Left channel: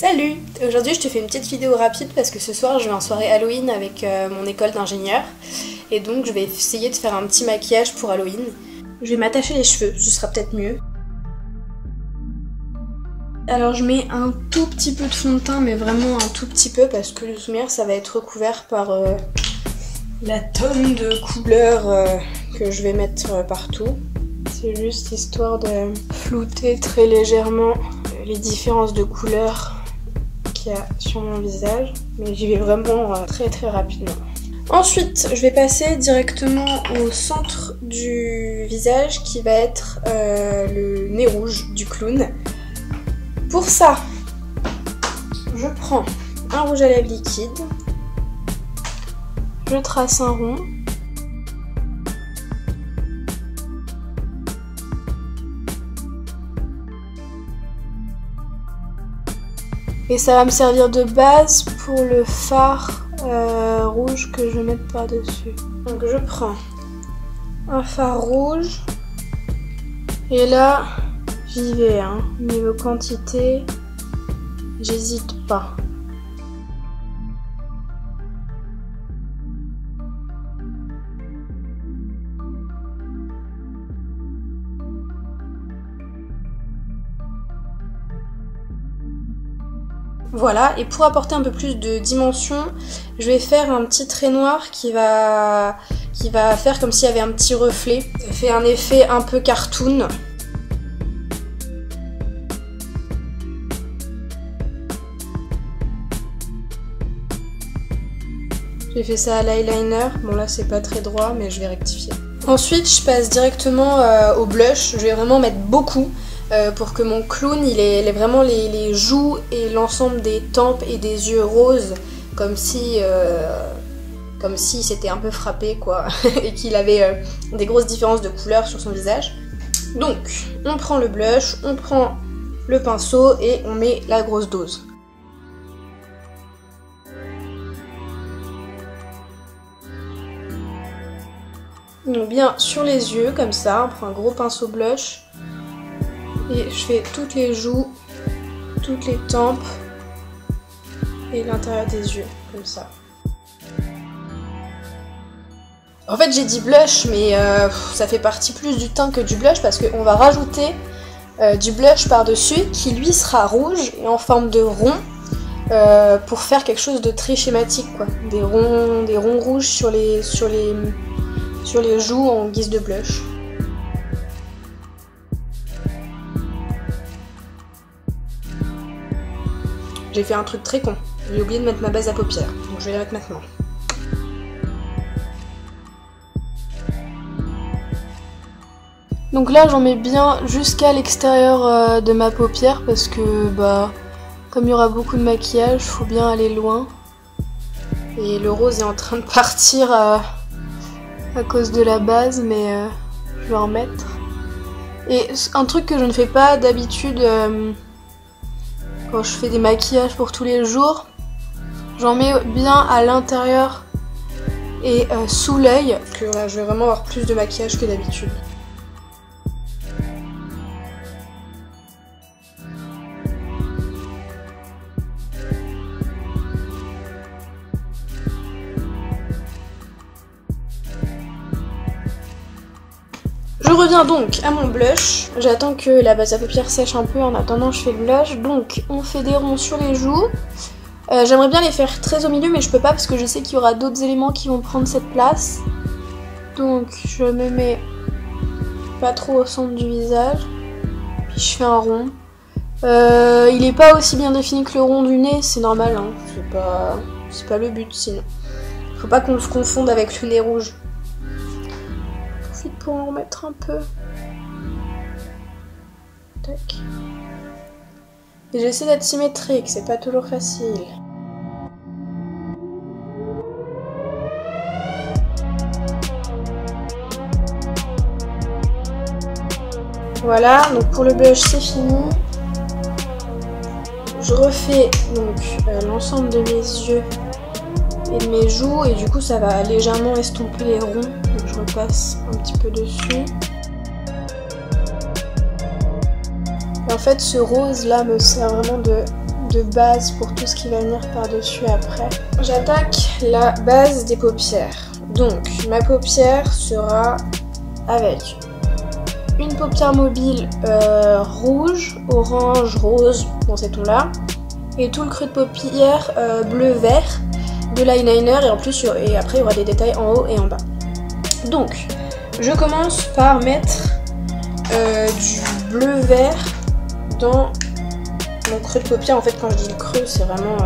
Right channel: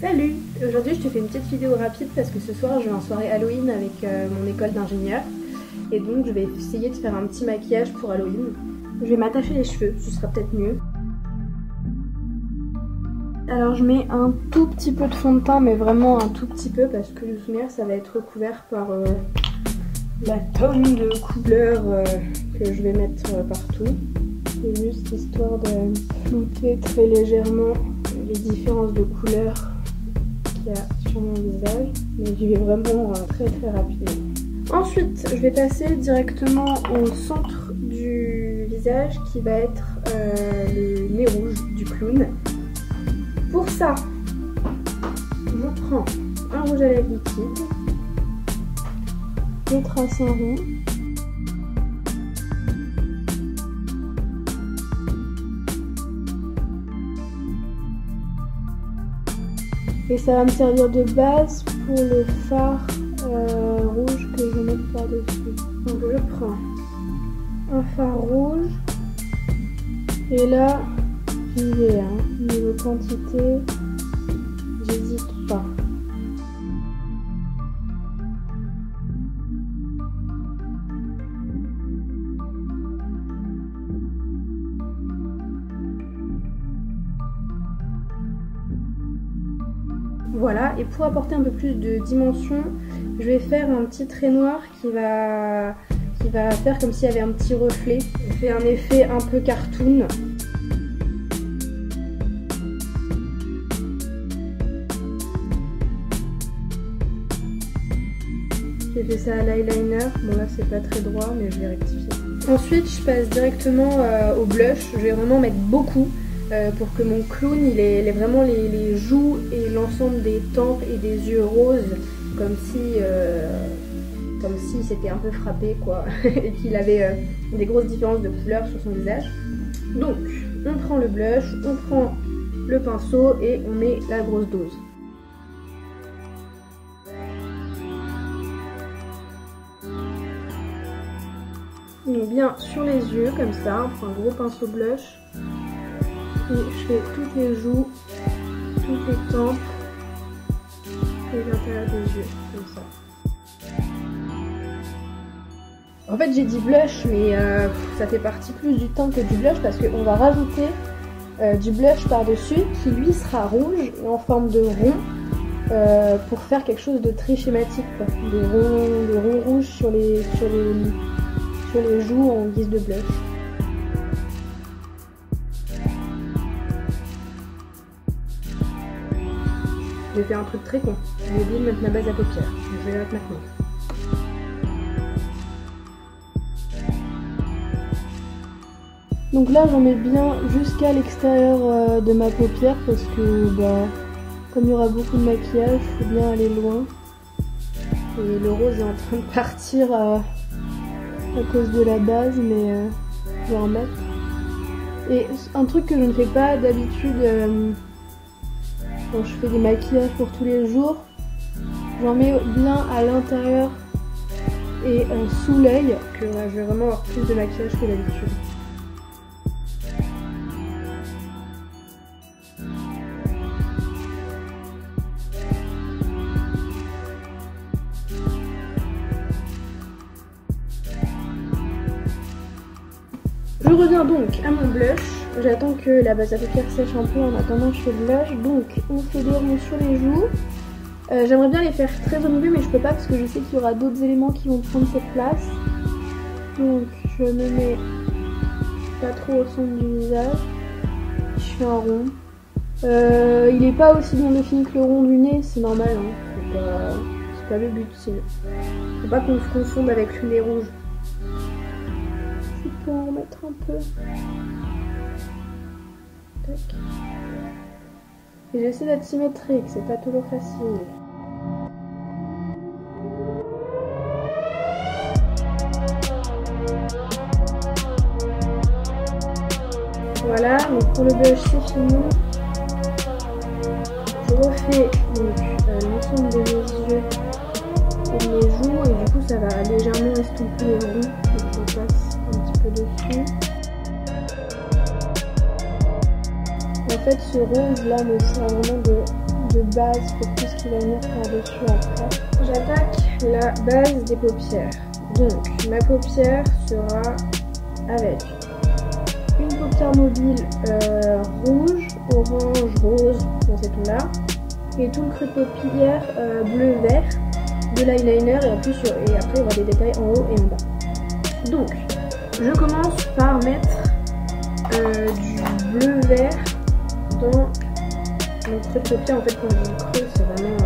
Salut! Aujourd'hui je te fais une petite vidéo rapide parce que ce soir je vais en soirée Halloween avec mon école d'ingénieur et donc je vais essayer de faire un petit maquillage pour Halloween. Je vais m'attacher les cheveux, ce sera peut-être mieux. Alors je mets un tout petit peu de fond de teint mais vraiment un tout petit peu parce que le lumière ça va être recouvert par la tonne de couleurs que je vais mettre partout. C'est juste histoire de flouter très légèrement les différences de couleurs qu'il y a sur mon visage, mais j'y vais vraiment très rapidement. Ensuite, je vais passer directement au centre du visage qui va être le nez rouge du clown. Pour ça, je prends un rouge à lèvres liquide, je trace un rond. Et ça va me servir de base pour le fard rouge que je vais mettre par-dessus. Donc je prends un fard rouge. Et là, j'y vais. Niveau quantité, j'hésite pas. Voilà, et pour apporter un peu plus de dimension, je vais faire un petit trait noir qui va faire comme s'il y avait un petit reflet. Ça fait un effet un peu cartoon. J'ai fait ça à l'eyeliner, bon là c'est pas très droit mais je vais rectifier. Ensuite je passe directement au blush, je vais vraiment mettre beaucoup. Pour que mon clown il ait vraiment les joues et l'ensemble des tempes et des yeux roses comme si s'était un peu frappé quoi et qu'il avait des grosses différences de couleurs sur son visage. Donc on prend le blush, on prend le pinceau et on met la grosse dose. Donc bien sur les yeux comme ça, on prend un gros pinceau blush. Et je fais toutes les joues, toutes les tempes et l'intérieur des yeux, comme ça. En fait j'ai dit blush, mais ça fait partie plus du teint que du blush parce qu'on va rajouter du blush par-dessus qui lui sera rouge et en forme de rond pour faire quelque chose de très schématique, quoi. Des ronds rouges sur les joues en guise de blush. J'ai fait un truc très con, j'ai oublié de mettre ma base à paupières, donc je vais la mettre maintenant. Donc là j'en mets bien jusqu'à l'extérieur de ma paupière parce que comme il y aura beaucoup de maquillage, il faut bien aller loin. Et le rose est en train de partir à cause de la base, mais je vais en mettre. Et un truc que je ne fais pas d'habitude quand je fais des maquillages pour tous les jours, j'en mets bien à l'intérieur et sous l'œil. Là, je vais vraiment avoir plus de maquillage que d'habitude. Je reviens donc à mon blush, j'attends que la base à paupières sèche un peu, en attendant je fais le blush, donc on fait des ronds sur les joues. J'aimerais bien les faire très au milieu mais je peux pas parce que je sais qu'il y aura d'autres éléments qui vont prendre cette place. Donc je me mets pas trop au centre du visage, puis je fais un rond. Il est pas aussi bien défini que le rond du nez, c'est normal, c'est pas le but sinon. Faut pas qu'on se confonde avec le nez rouge. Pour en remettre un peu. Tac. Et j'essaie d'être symétrique, c'est pas toujours facile. Voilà, donc pour le blush c'est fini. Je refais donc l'ensemble de mes yeux et de mes joues et du coup ça va légèrement estomper les ronds. Donc je repasse un petit peu dessus. En fait ce rose là me sert vraiment de de base pour tout ce qui va venir par-dessus après. J'attaque la base des paupières. Donc, ma paupière sera avec une paupière mobile rouge, orange, rose, dans ces tons-là, et tout le creux de paupière bleu-vert de l'eyeliner, et en plus, et après, il y aura des détails en haut et en bas. Donc, je commence par mettre du bleu-vert dans mon creux de paupière. En fait, quand je dis le creux, c'est vraiment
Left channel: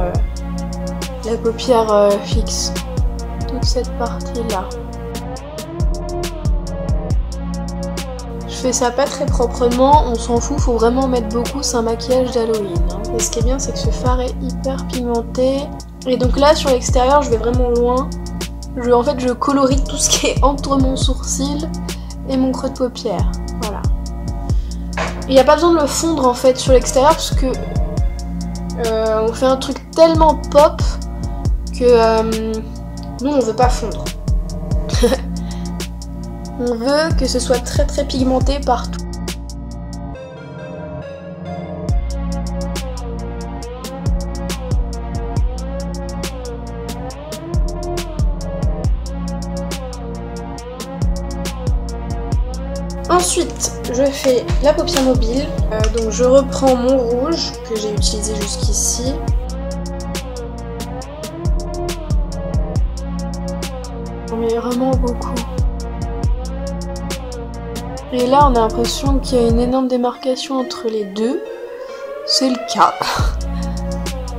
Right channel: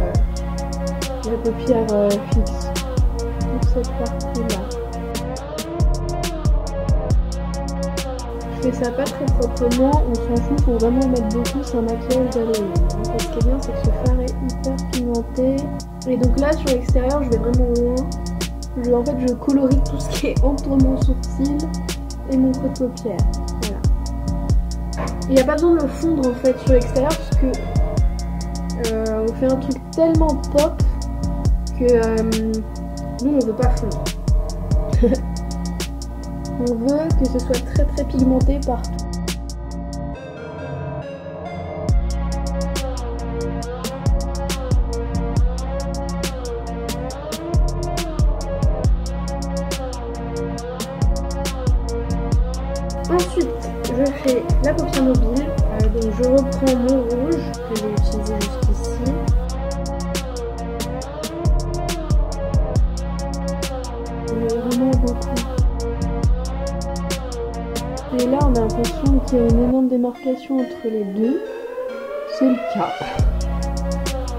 la paupière fixe. Toute cette partie-là. Je fais ça pas très proprement, on s'en fout, faut vraiment mettre beaucoup, c'est un maquillage d'Halloween. Et ce qui est bien, c'est que ce fard est hyper pigmenté. Et donc là, sur l'extérieur, je vais vraiment loin. En fait, je colorie tout ce qui est entre mon sourcil et mon creux de paupière. Voilà. Il n'y a pas besoin de le fondre en fait sur l'extérieur parce que on fait un truc tellement pop que nous on veut pas fondre. On veut que ce soit très très pigmenté partout. Ensuite, je fais la paupière mobile. Donc je reprends mon rouge que j'ai utilisé jusqu'ici. On met vraiment beaucoup. Et là, on a l'impression qu'il y a une énorme démarcation entre les deux. C'est le cas.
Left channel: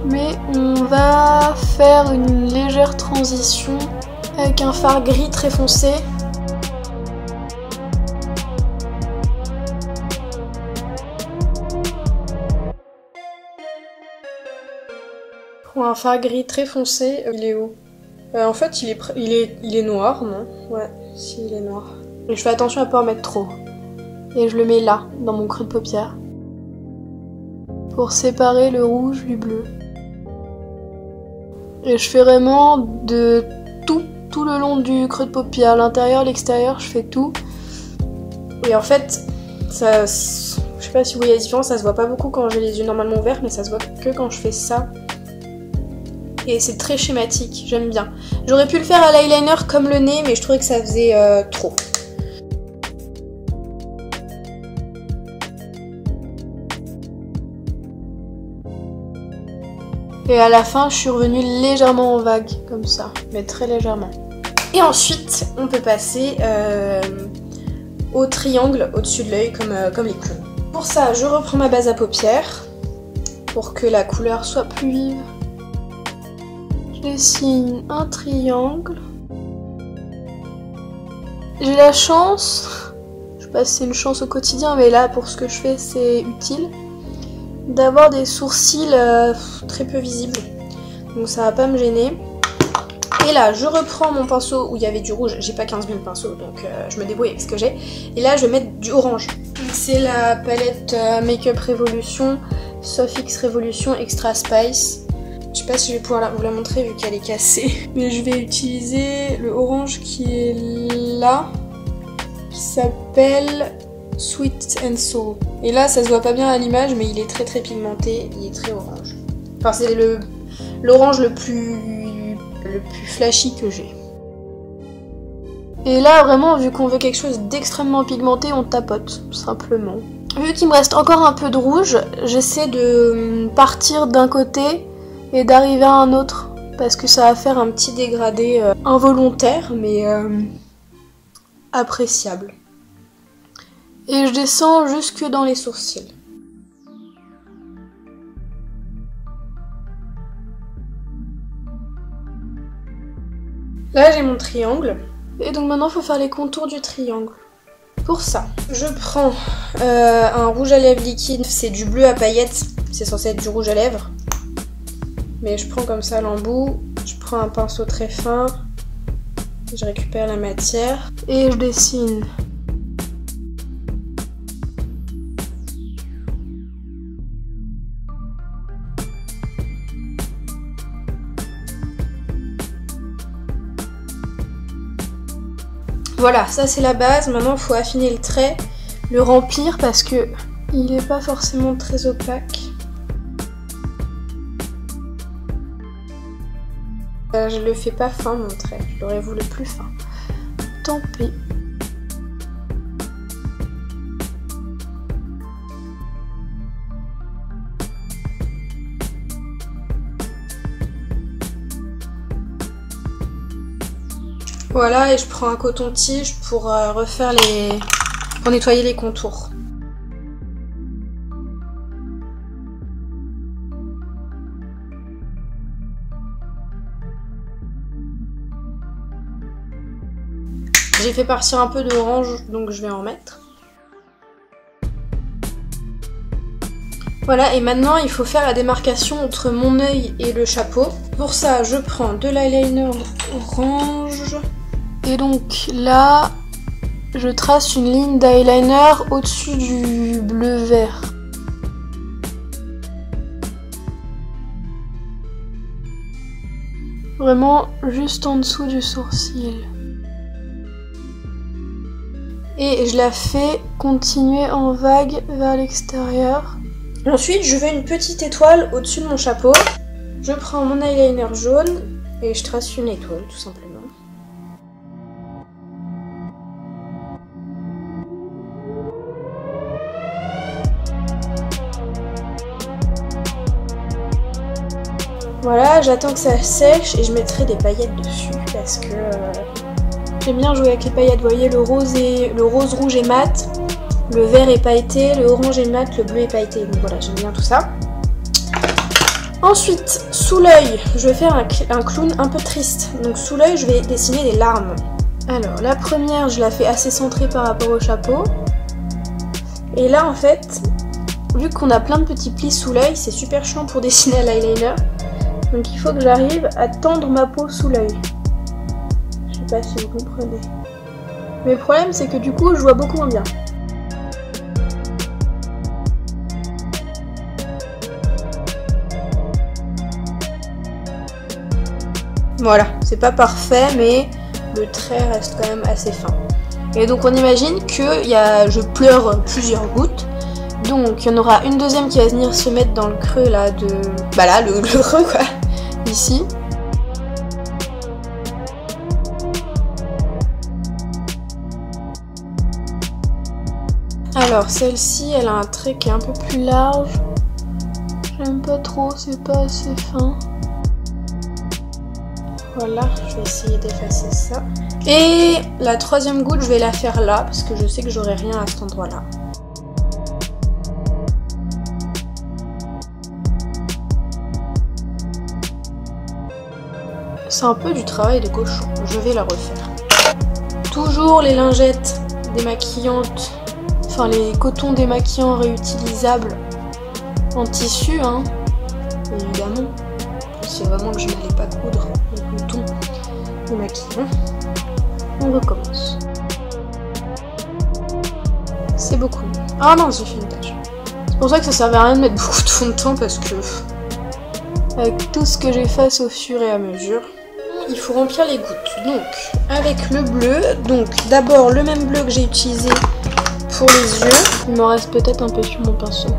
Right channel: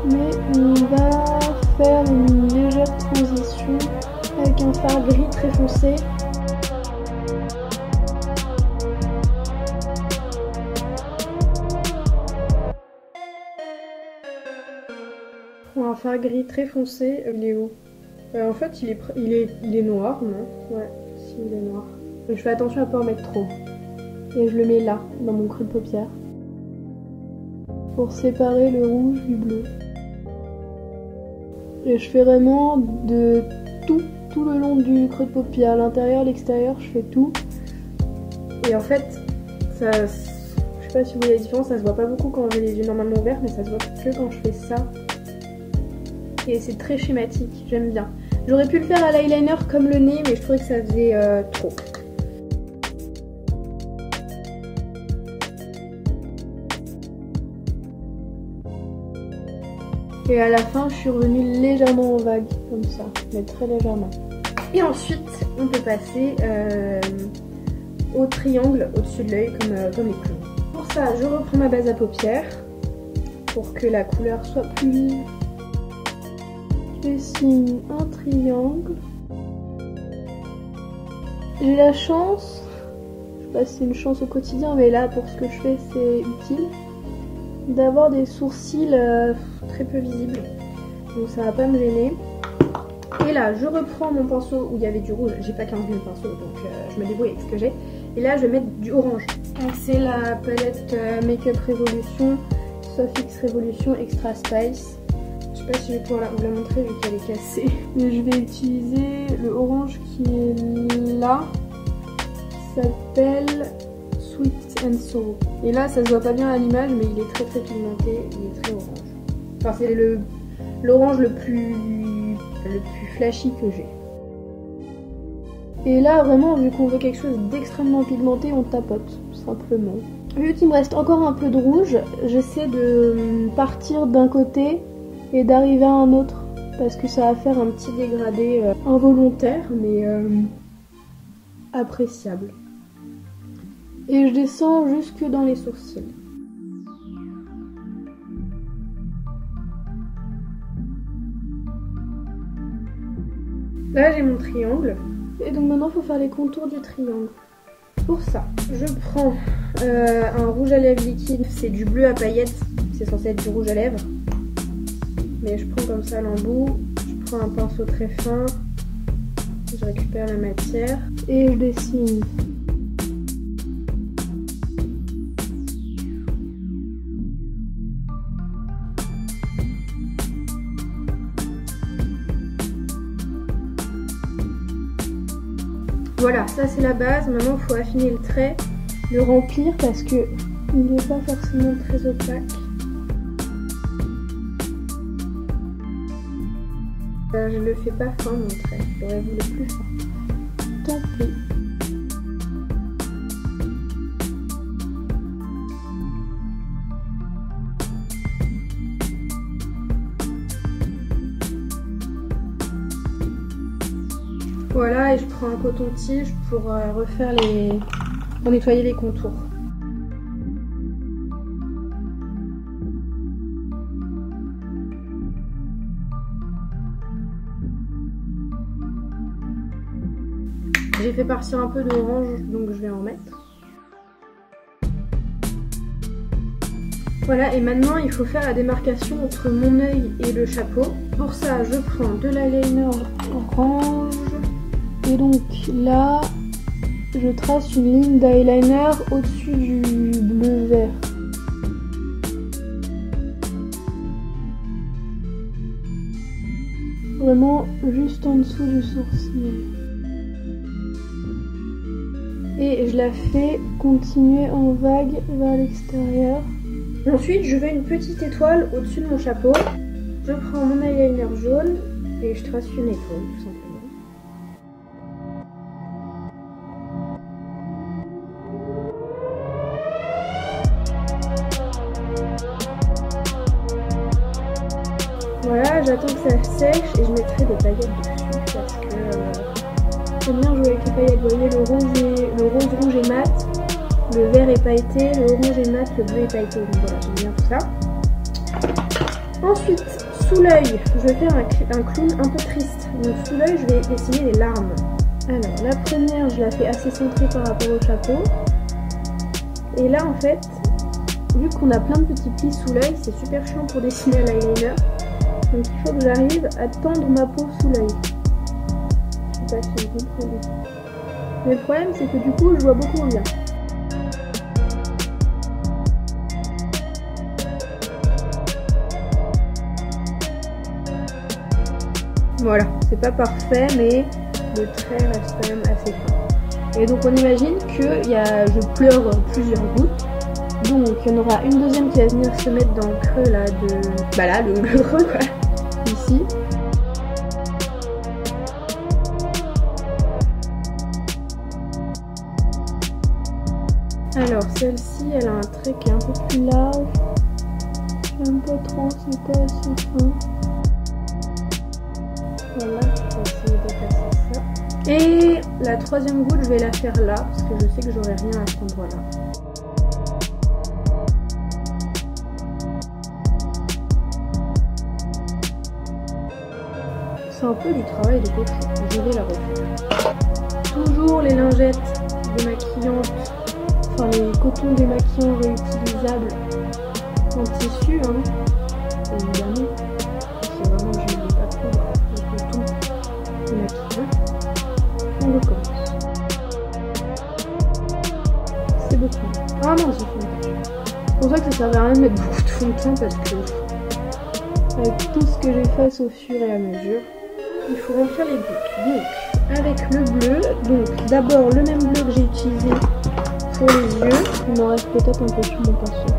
Mais on va faire une légère transition avec un fard gris très foncé. Pour un fard gris très foncé, il est où? En fait, il est noir, non? Ouais, si, il est noir. Et je fais attention à pas en mettre trop. Et je le mets là, dans mon creux de paupière. Pour séparer le rouge du bleu. Et je fais vraiment de tout le long du creux de paupière. L'intérieur, l'extérieur, je fais tout. Et en fait, ça... Je sais pas si vous voyez la différence, ça se voit pas beaucoup quand j'ai les yeux normalement ouverts, mais ça se voit que quand je fais ça. Et c'est très schématique, j'aime bien. J'aurais pu le faire à l'eyeliner comme le nez, mais je trouvais que ça faisait trop. Et à la fin, je suis revenue légèrement en vague, comme ça, mais très légèrement. Et ensuite, on peut passer au triangle au-dessus de l'œil, comme les clowns. Pour ça, je reprends ma base à paupières, pour que la couleur soit plus vive. Je dessine un triangle. J'ai la chance, je sais pas si c'est une chance au quotidien, mais là, pour ce que je fais, c'est utile, d'avoir des sourcils très peu visibles, donc ça va pas me gêner. Et là je reprends mon pinceau où il y avait du rouge, j'ai pas 15 000 pinceaux donc je me débrouille avec ce que j'ai, et là je vais mettre du orange. Donc c'est la palette Makeup Revolution Soft X Revolution Extra Spice. Je sais pas si je vais pouvoir vous la montrer vu qu'elle est cassée, mais je vais utiliser le orange qui est là, qui s'appelle Sweet and Soul. Et là ça se voit pas bien à l'image, mais il est très très pigmenté, il est très orange. Enfin c'est l'orange le plus flashy que j'ai. Et là vraiment, vu qu'on veut quelque chose d'extrêmement pigmenté, on tapote simplement. Vu qu'il me reste encore un peu de rouge, j'essaie de partir d'un côté et d'arriver à un autre, parce que ça va faire un petit dégradé involontaire mais appréciable. Et je descends jusque dans les sourcils. Là j'ai mon triangle. Et donc maintenant il faut faire les contours du triangle. Pour ça, je prends un rouge à lèvres liquide. C'est du bleu à paillettes. C'est censé être du rouge à lèvres. Mais je prends comme ça l'embout. Je prends un pinceau très fin. Je récupère la matière. Et je dessine. Voilà, ça c'est la base. Maintenant il faut affiner le trait, le remplir parce que il n'est pas forcément très opaque. Je le fais pas fin mon trait, je l'aurais voulu plus fin. Tant pis. Voilà, et je prends un coton-tige pour refaire pour nettoyer les contours. J'ai fait partir un peu d'orange, donc je vais en mettre. Voilà, et maintenant il faut faire la démarcation entre mon œil et le chapeau. Pour ça, je prends de l'eyeliner orange. Et donc là, je trace une ligne d'eyeliner au-dessus du bleu vert. Vraiment juste en dessous du sourcil. Et je la fais continuer en vague vers l'extérieur. Ensuite, je veux une petite étoile au-dessus de mon chapeau. Je prends mon eyeliner jaune et je trace une étoile, tout simplement. Voilà, j'attends que ça sèche et je mettrai des paillettes dessus parce que j'aime bien jouer avec les paillettes. Vous voyez, le rose rouge est mat, le vert est pailleté, le orange est mat, le bleu est pailleté. Donc voilà, j'aime bien tout ça. Ensuite, sous l'œil, je vais faire un clown un peu triste. Donc sous l'œil, je vais dessiner des larmes. Alors, la première, je la fais assez centrée par rapport au chapeau. Et là, en fait, vu qu'on a plein de petits plis sous l'œil, c'est super chiant pour dessiner à l'eyeliner. Donc il faut que j'arrive à tendre ma peau sous l'œil. Je sais pas si vous comprenez. Mais le problème, c'est que du coup, je vois beaucoup moins bien. Voilà, c'est pas parfait, mais le trait reste quand même assez fin. Et donc on imagine que je pleure plusieurs gouttes. Donc il y en aura une deuxième qui va venir se mettre dans le creux là de... Bah là, le creux quoi, ici. Alors celle-ci, elle a un trait qui est un peu plus large. J'aime pas trop, c'est pas assez fin. Voilà, je vais essayer d'effacer ça. Et la troisième goutte, je vais la faire là, parce que je sais que j'aurai rien à cet endroit-là. C'est un peu du travail de cochon, je vais la refaire. Toujours les lingettes démaquillantes, enfin les cotons démaquillants réutilisables en tissu, hein, évidemment. C'est vraiment que je n'allais pas coudre le coton démaquillant. On recommence. C'est beaucoup mieux. Ah non, j'ai fait une tache. C'est pour ça que ça servait à rien de mettre beaucoup de fond de teint parce que avec tout ce que j'efface au fur et à mesure, il faut remplir les gouttes. Donc, avec le bleu, donc d'abord le même bleu que j'ai utilisé pour les yeux. Il m'en reste peut-être un peu sur mon pinceau.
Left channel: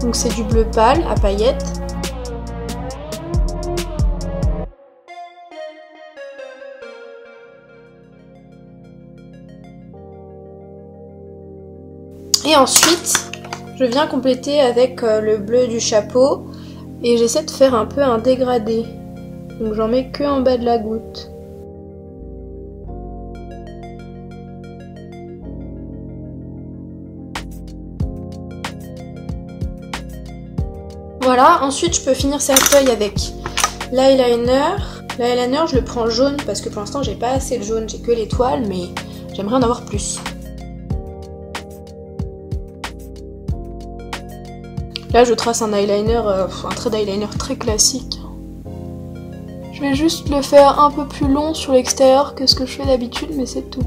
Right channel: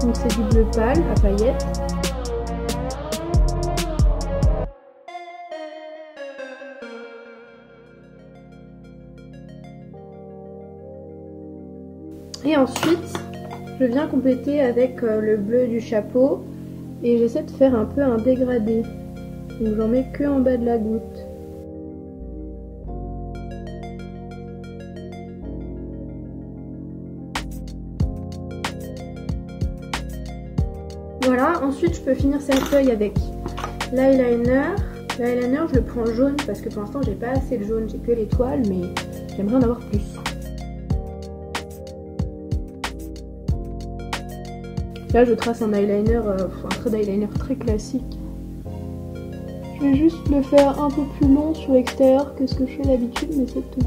Donc c'est du bleu pâle à paillettes. Et ensuite, je viens compléter avec le bleu du chapeau et j'essaie de faire un peu un dégradé. Donc j'en mets que en bas de la goutte. Voilà, ensuite je peux finir cette feuille avec l'eyeliner. L'eyeliner, je le prends jaune parce que pour l'instant j'ai pas assez de jaune, j'ai que l'étoile, mais j'aimerais en avoir plus. Là, je trace un eyeliner, un trait d'eyeliner très classique. Je vais juste le faire un peu plus long sur l'extérieur que ce que je fais d'habitude, mais c'est tout.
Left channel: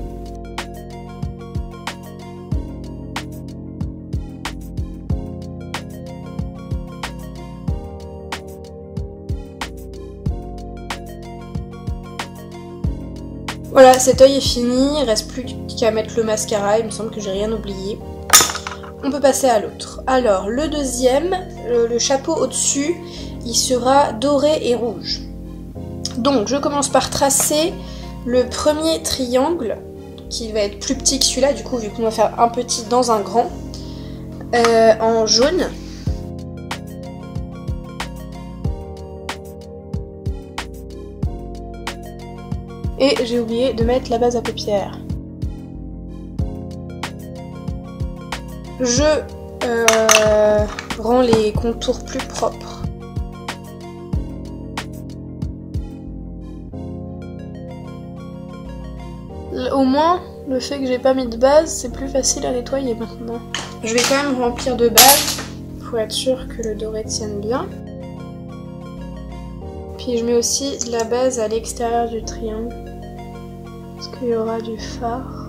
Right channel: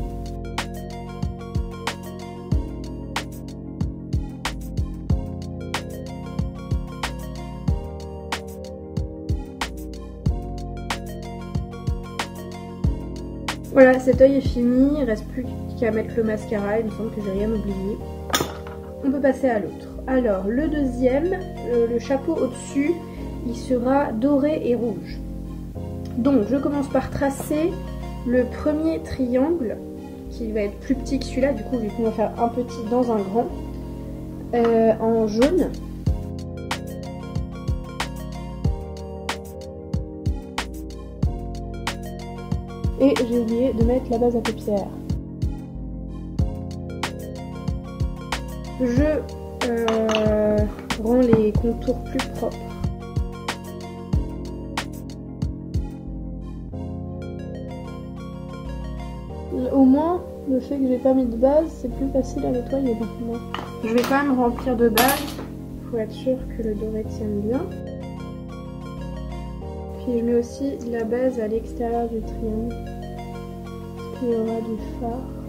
Voilà, cet œil est fini, il reste plus qu'à mettre le mascara, il me semble que j'ai rien oublié. On peut passer à l'autre. Alors, le deuxième, le chapeau au-dessus, il sera doré et rouge. Donc je commence par tracer le premier triangle, qui va être plus petit que celui-là, du coup vu qu'on va faire un petit dans un grand, en jaune. Et j'ai oublié de mettre la base à paupières. Je rends les contours plus propres. Au moins, le fait que j'ai pas mis de base, c'est plus facile à nettoyer maintenant. Je vais quand même remplir de base pour être sûr que le doré tienne bien. Puis je mets aussi de la base à l'extérieur du triangle, parce qu'il y aura du fard.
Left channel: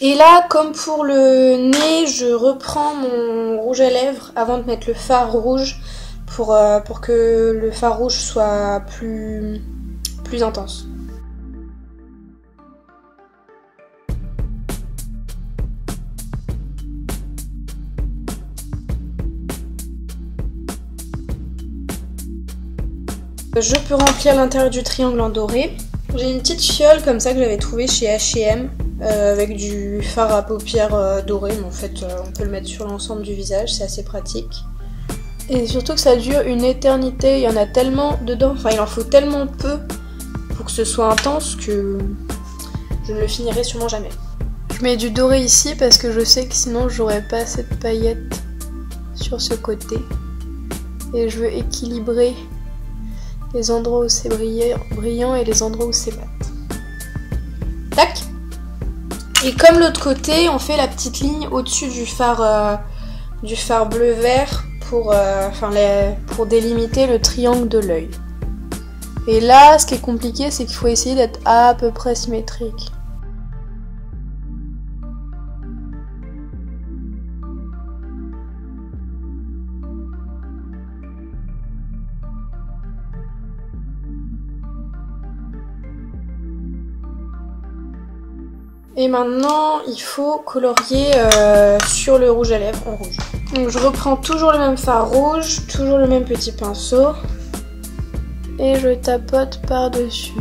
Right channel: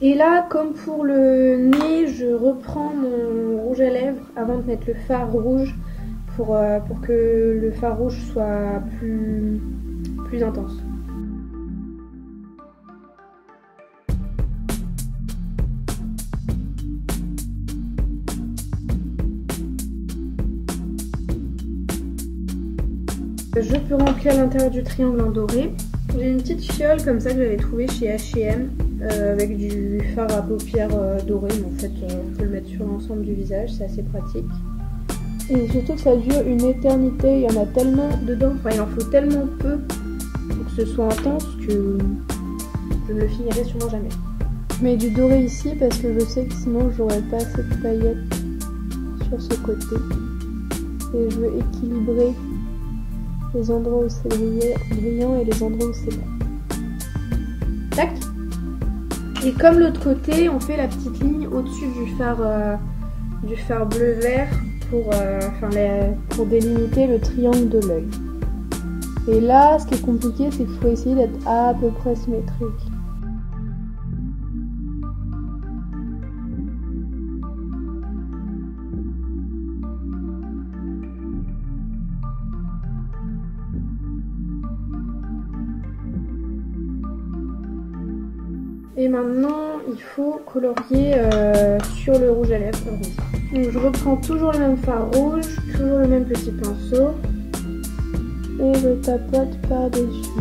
Et là, comme pour le nez, je reprends mon rouge à lèvres avant de mettre le fard rouge pour que le fard rouge soit plus intense. Je peux remplir l'intérieur du triangle en doré. J'ai une petite fiole comme ça que j'avais trouvée chez H&M avec du fard à paupières doré, mais en fait on peut le mettre sur l'ensemble du visage, c'est assez pratique. Et surtout que ça dure une éternité, il y en a tellement dedans, enfin il en faut tellement peu pour que ce soit intense que je ne le finirai sûrement jamais. Je mets du doré ici parce que je sais que sinon j'aurais pas cette paillette sur ce côté. Et je veux équilibrer les endroits où c'est brillant et les endroits où c'est mat. Tac. Et comme l'autre côté, on fait la petite ligne au-dessus du phare bleu-vert pour délimiter le triangle de l'œil. Et là, ce qui est compliqué, c'est qu'il faut essayer d'être à peu près symétrique. Et maintenant, il faut colorier sur le rouge à lèvres en rouge. Donc je reprends toujours le même fard rouge, toujours le même petit pinceau. Et je tapote par-dessus.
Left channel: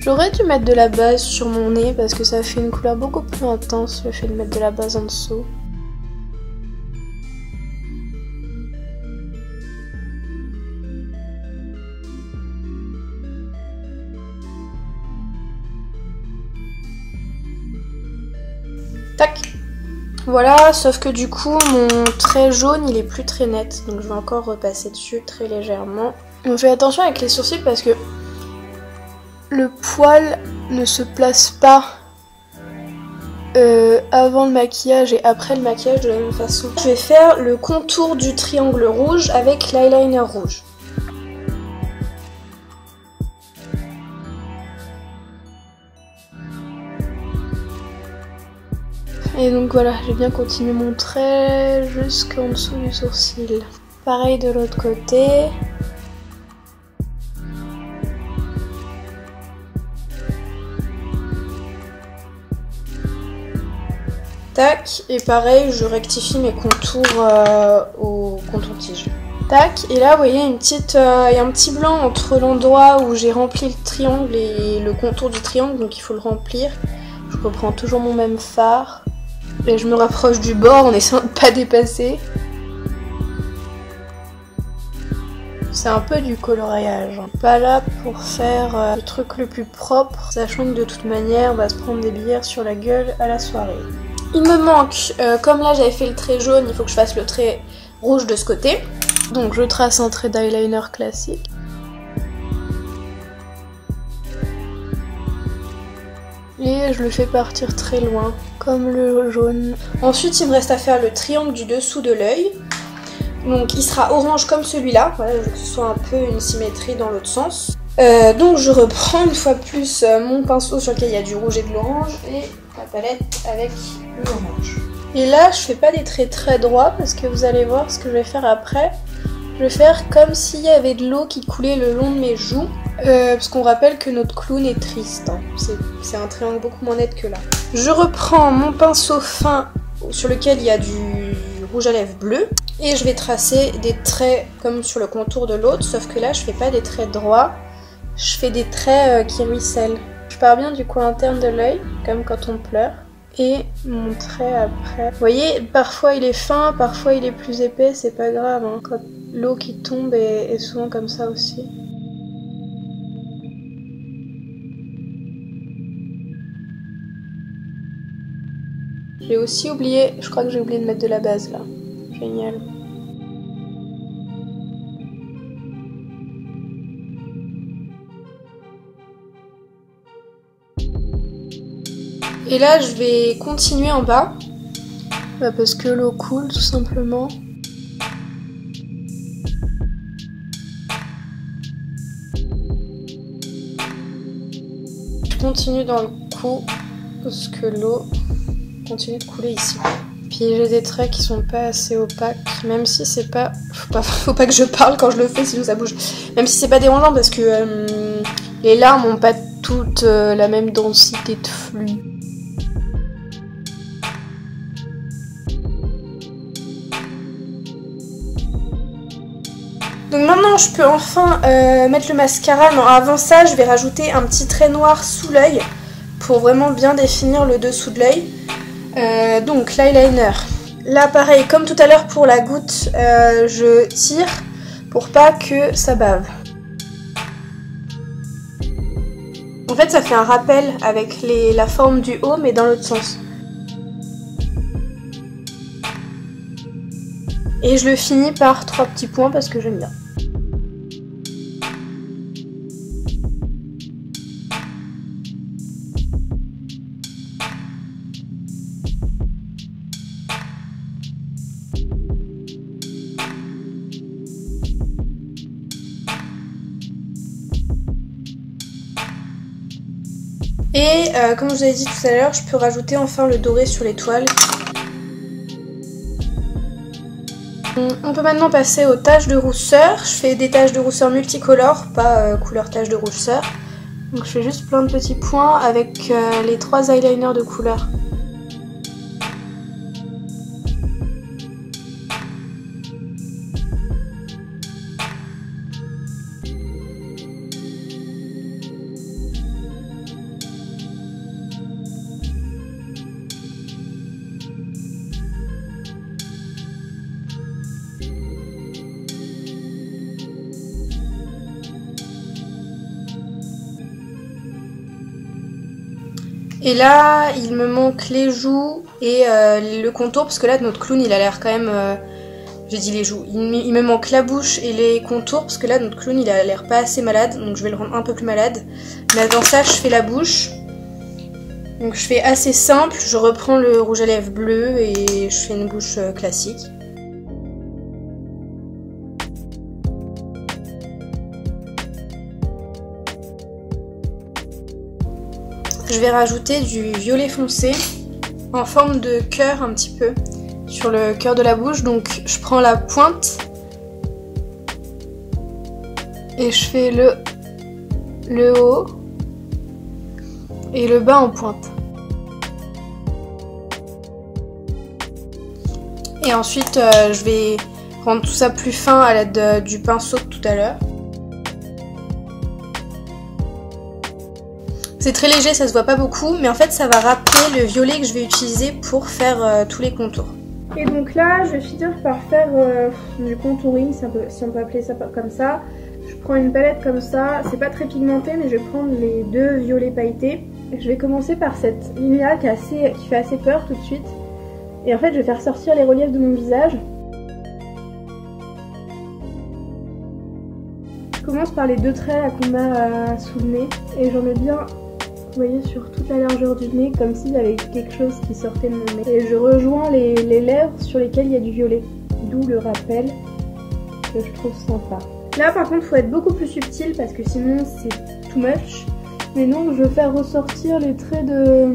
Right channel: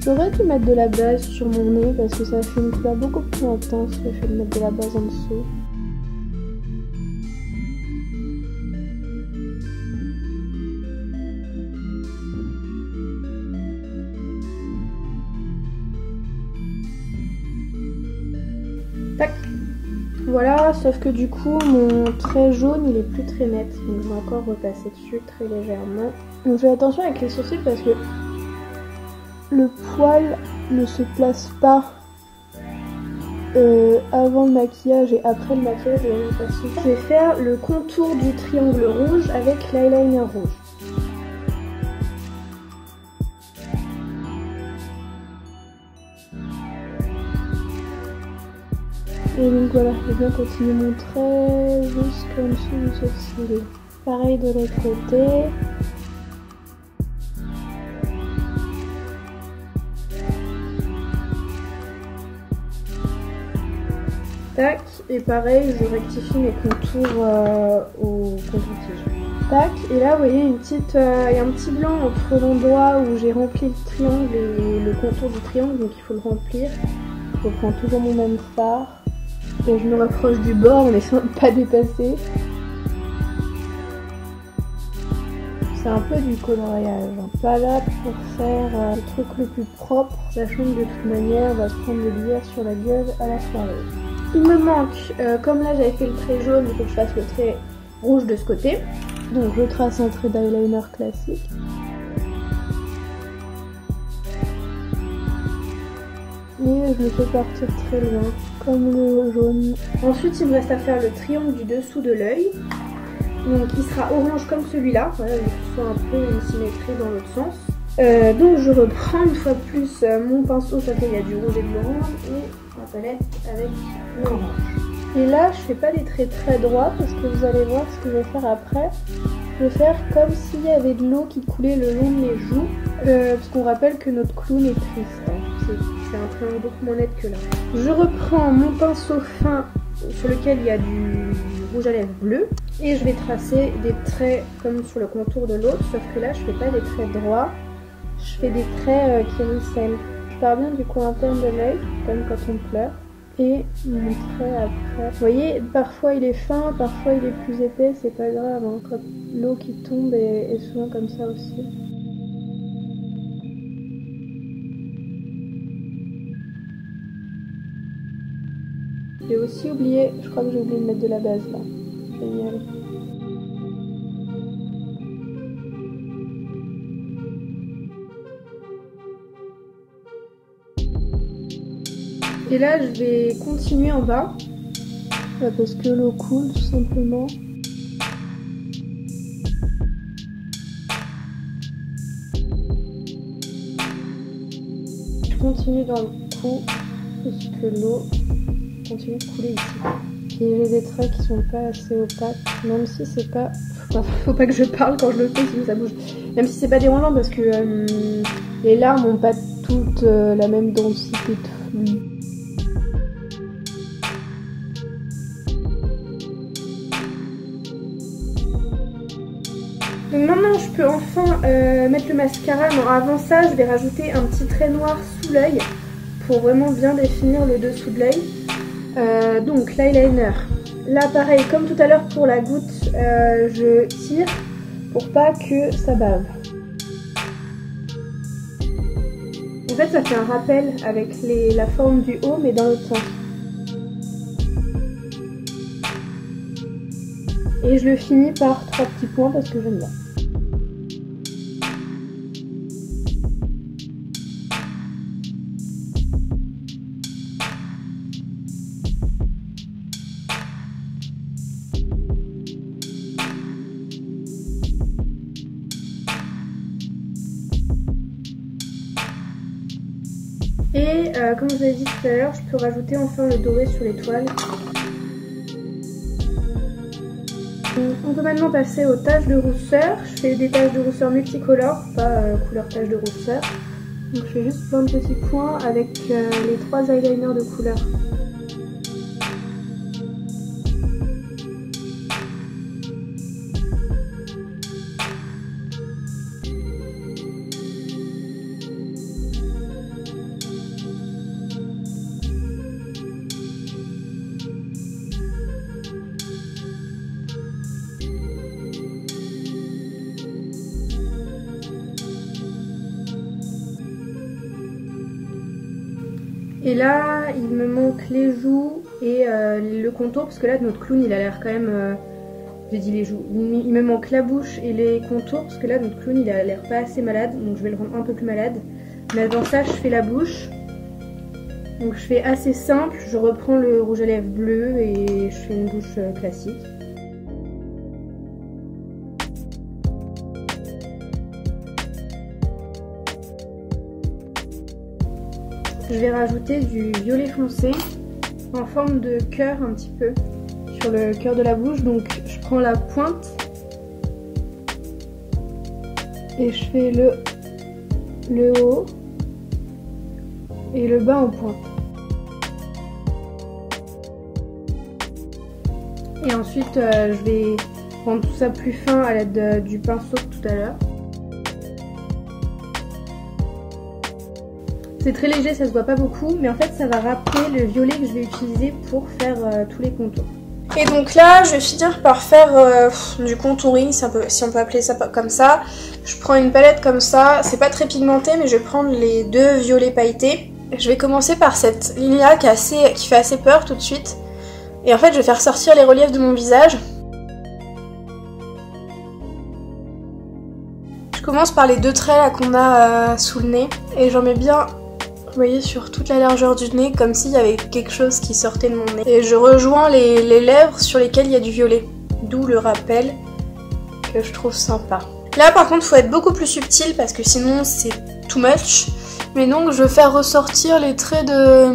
J'aurais dû mettre de la base sur mon nez parce que ça fait une couleur beaucoup plus intense le fait de mettre de la base en dessous. Tac. Voilà, sauf que du coup mon trait jaune il est plus très net, donc je vais encore repasser dessus très légèrement. On fait attention avec les sourcils parce que le poil ne se place pas avant le maquillage et après le maquillage de la même façon. Je vais faire le contour du triangle rouge avec l'eyeliner rouge. Et donc voilà, j'ai bien continué mon trait jusqu'en dessous du sourcil. Pareil de l'autre côté. Tac, et pareil, je rectifie mes contours au contour-tige. Tac, et là, vous voyez, il y a un petit blanc entre l'endroit où j'ai rempli le triangle et le contour du triangle, donc il faut le remplir. Je reprends toujours mon même fard. Et je me rapproche du bord en essayant de ne pas dépasser. C'est un peu du coloriage. Pas là pour faire le truc le plus propre, sachant que de toute manière, on va se prendre des bières sur la gueule à la soirée. Il me manque, comme là j'avais fait le trait jaune, il faut que je fasse le trait rouge de ce côté. Donc je trace un trait d'eyeliner classique. Et je le fais partir très loin, comme le jaune. Ensuite, il me reste à faire le triangle du dessous de l'œil. Donc il sera orange comme celui-là, voilà, je veux que ce soit un peu une symétrie dans l'autre sens. Donc je reprends une fois plus mon pinceau sur lequel il y a du rouge et de l'orange et la palette avec l'orange. Et là, je fais pas des traits très droits parce que vous allez voir ce que je vais faire après. Je vais faire comme s'il y avait de l'eau qui coulait le long de mes joues, parce qu'on rappelle que notre clown est triste. Hein. C'est un triangle beaucoup moins net que là. Je reprends mon pinceau fin sur lequel il y a du rouge à lèvres bleu et je vais tracer des traits comme sur le contour de l'autre, sauf que là je fais pas des traits droits, je fais des traits qui ruissellent. Je pars bien du coin interne de l'œil, comme quand on pleure, et mon trait après. Vous voyez, parfois il est fin, parfois il est plus épais, c'est pas grave, hein. Quand l'eau qui tombe est souvent comme ça aussi. J'ai aussi oublié, je crois que j'ai oublié de mettre de la base là. Génial. Et là je vais continuer en bas, parce que l'eau coule tout simplement. Je continue dans le cou, parce que l'eau continue de couler ici. Puis j'ai des traits qui sont pas assez opaques, même si c'est pas... Faut pas que je parle quand je le fais, sinon ça bouge. Même si c'est pas dérangeant parce que les larmes n'ont pas toutes la même densité de flux. Donc maintenant je peux enfin mettre le mascara. Non, avant ça je vais rajouter un petit trait noir sous l'œil pour vraiment bien définir le dessous de l'œil. Donc l'eyeliner, là pareil comme tout à l'heure pour la goutte, je tire pour pas que ça bave. En fait ça fait un rappel avec la forme du haut mais dans l'autre sens. Et je le finis par 3 petits points parce que j'aime bien. Et comme je vous ai dit tout à l'heure, je peux rajouter enfin le doré sur l'étoile. On peut maintenant passer aux taches de rousseur. Je fais des taches de rousseur multicolores, pas couleur tache de rousseur. Donc je fais juste plein de petits points avec les 3 eyeliners de couleur. Et là, il me manque les joues et le contour, parce que là, notre clown, il a l'air quand même... j'ai dit les joues. Il me manque la bouche et les contours, parce que là, notre clown, il a l'air pas assez malade, donc je vais le rendre un peu plus malade. Mais avant ça, je fais la bouche. Donc je fais assez simple, je reprends le rouge à lèvres bleu et je fais une bouche classique. Je vais rajouter du violet foncé en forme de cœur un petit peu sur le cœur de la bouche. Donc je prends la pointe et je fais le haut et le bas en pointe. Et ensuite je vais rendre tout ça plus fin à l'aide du pinceau de tout à l'heure. C'est très léger, ça se voit pas beaucoup, mais en fait ça va rappeler le violet que je vais utiliser pour faire tous les contours. Et donc là, je vais finir par faire du contouring, si on peut appeler ça comme ça. Je prends une palette comme ça, c'est pas très pigmenté, mais je vais prendre les 2 violets pailletés. Je vais commencer par cette ligne-là qui fait assez peur tout de suite. Et en fait, je vais faire sortir les reliefs de mon visage. Je commence par les 2 traits là qu'on a sous le nez, et j'en mets bien... Vous voyez, sur toute la largeur du nez, comme s'il y avait quelque chose qui sortait de mon nez. Et je rejoins les lèvres sur lesquelles il y a du violet. D'où le rappel que je trouve sympa. Là par contre, il faut être beaucoup plus subtil parce que sinon c'est too much. Mais donc je vais faire ressortir les traits de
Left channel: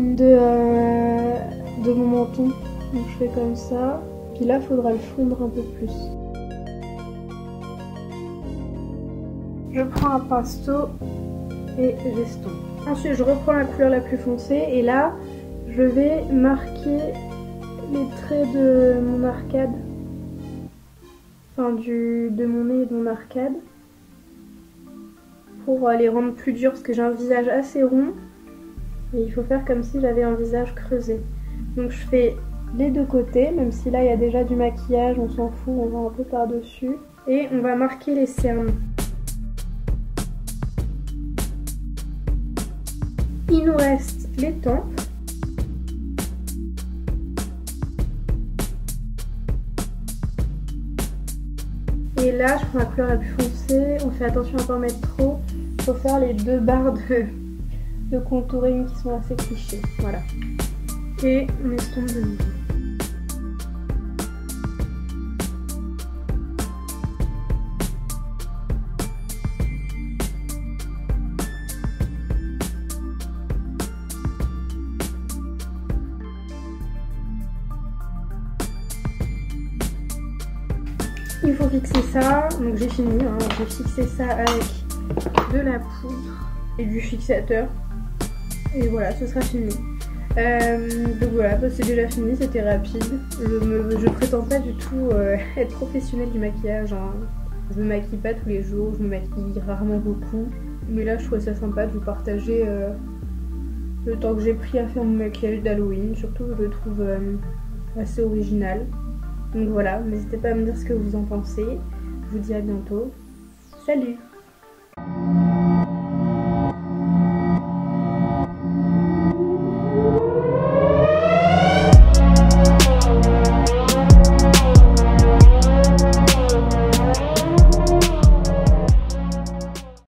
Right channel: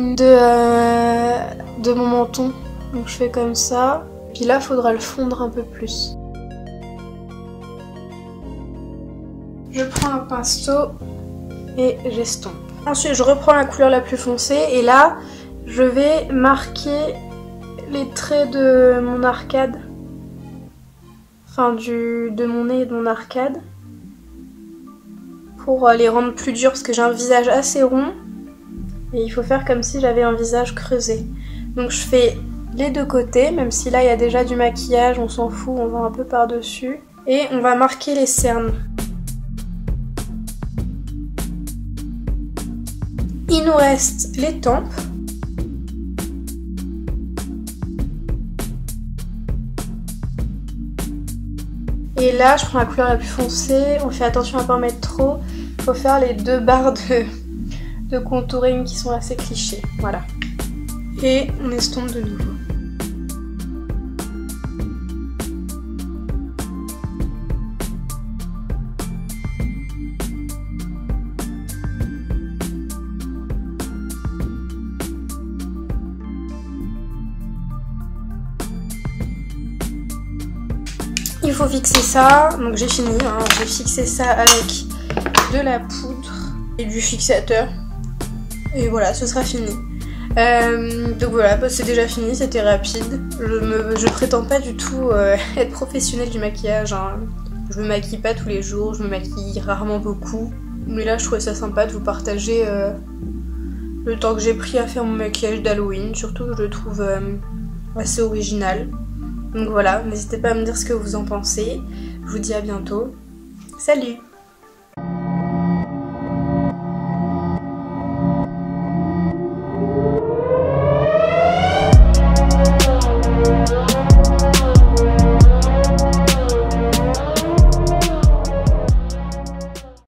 mon menton. Donc je fais comme ça. Puis là, il faudra le fondre un peu plus. Je prends un pinceau et j'estompe. Ensuite je reprends la couleur la plus foncée et là je vais marquer les traits de mon arcade. Enfin de mon nez et de mon arcade. Pour les rendre plus durs parce que j'ai un visage assez rond. Et il faut faire comme si j'avais un visage creusé. Donc je fais les deux côtés, même si là il y a déjà du maquillage, on s'en fout, on va un peu par-dessus. Et on va marquer les cernes. Il nous reste les tempes. Et là je prends la couleur la plus foncée, on fait attention à ne pas en mettre trop. Il faut faire les deux barres de contouring qui sont assez clichés. Voilà. Et on estompe de nouveau. Il faut fixer ça, donc j'ai fini, hein. J'ai fixé ça avec de la poudre et du fixateur. Et voilà, ce sera fini. Donc voilà, bah c'est déjà fini, c'était rapide. Je prétends pas du tout être professionnelle du maquillage, hein. Je me maquille pas tous les jours, je me maquille rarement beaucoup. Mais là je trouvais ça sympa de vous partager le temps que j'ai pris à faire mon maquillage d'Halloween. Surtout que je le trouve assez original. Donc voilà, n'hésitez pas à me dire ce que vous en pensez. Je vous dis à bientôt. Salut!